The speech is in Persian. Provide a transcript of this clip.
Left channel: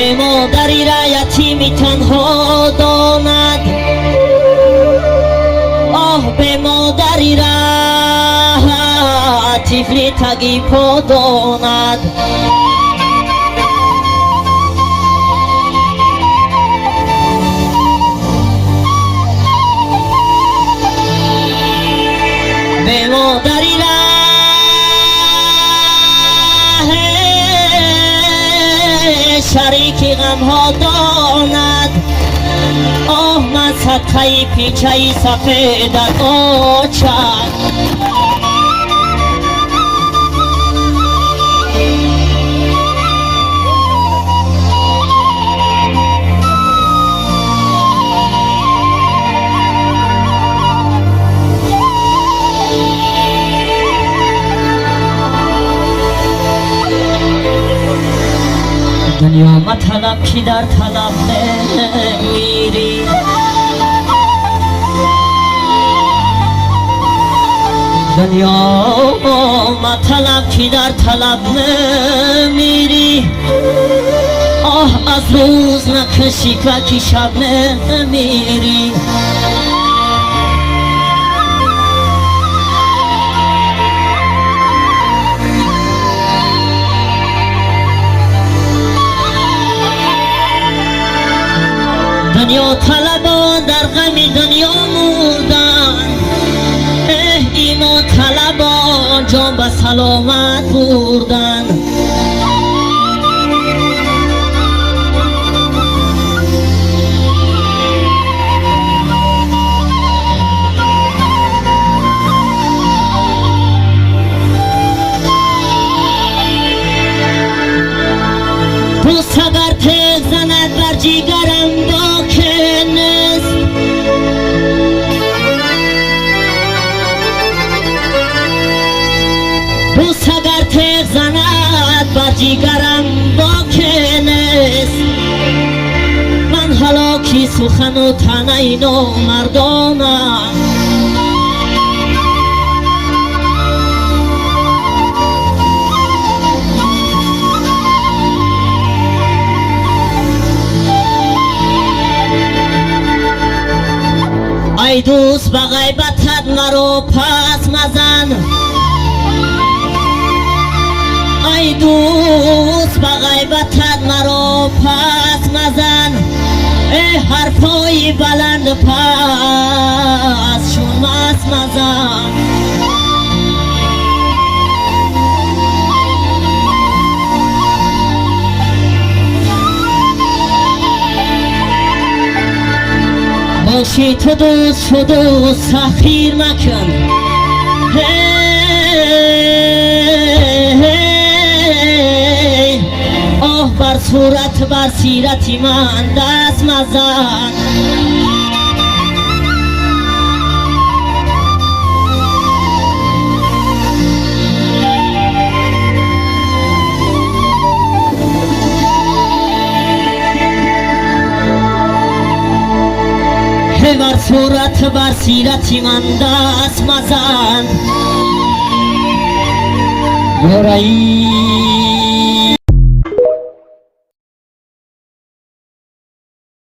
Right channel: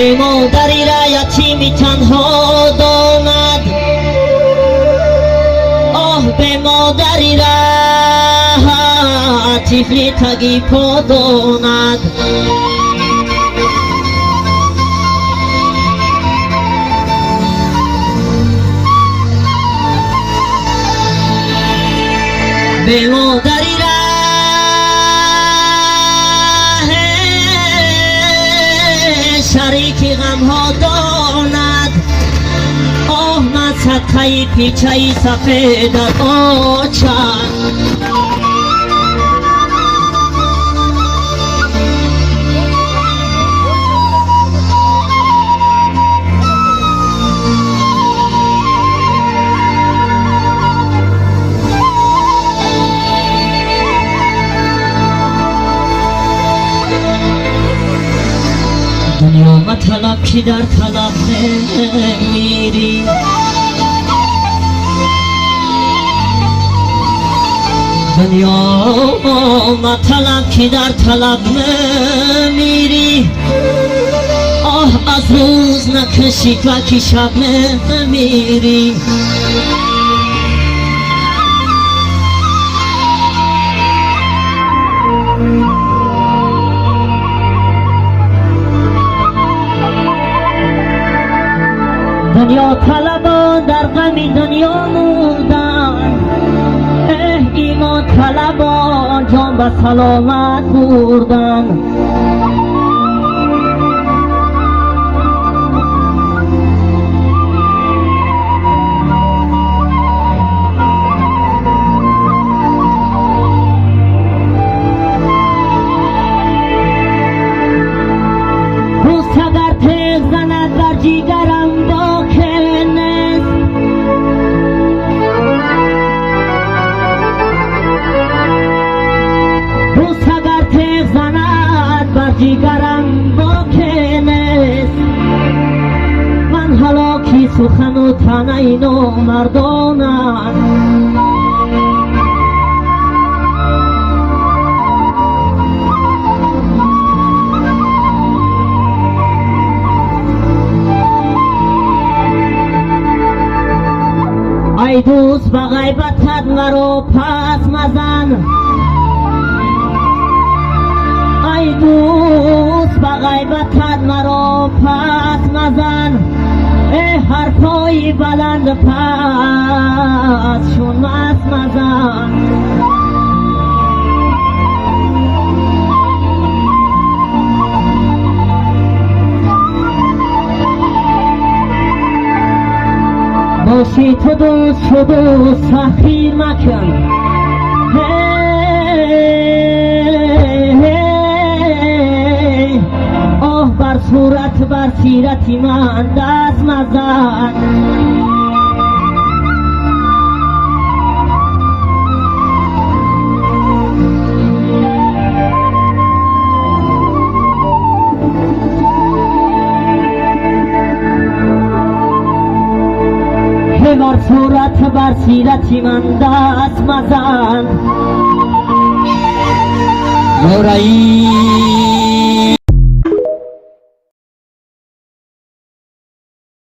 به مادری را یتیمی تنها داند، آه به مادری را طفلی تگی پا داند. به مادری را شریک غم ها داند، آه من صدقه پیچه سفیدت آچد. دنیا مطلب کی در طلب نمیری، دنیا مطلب کی در طلب نمیری، آه از روز نکشی که شب نمیری. دنیا طلبان در غم دنیا مردن، ایمان طلبان جان به سلامت بردن. دوست اگر تیغ زند بر جیگرم جیگرم باکی نیست، من هلاکی سخن و تنه نو مردانم. ای دوست به غیبتت مرا پس مزن، ای دوست به غیبتت مرا پس مزن، ای حرفای بلند پس چون مست مزن. باشی تو دوست شد و سخیر مکن، آه بر صورت بر سیرتی من دست مزن. بر صورت بر سیرتی من دست مزن.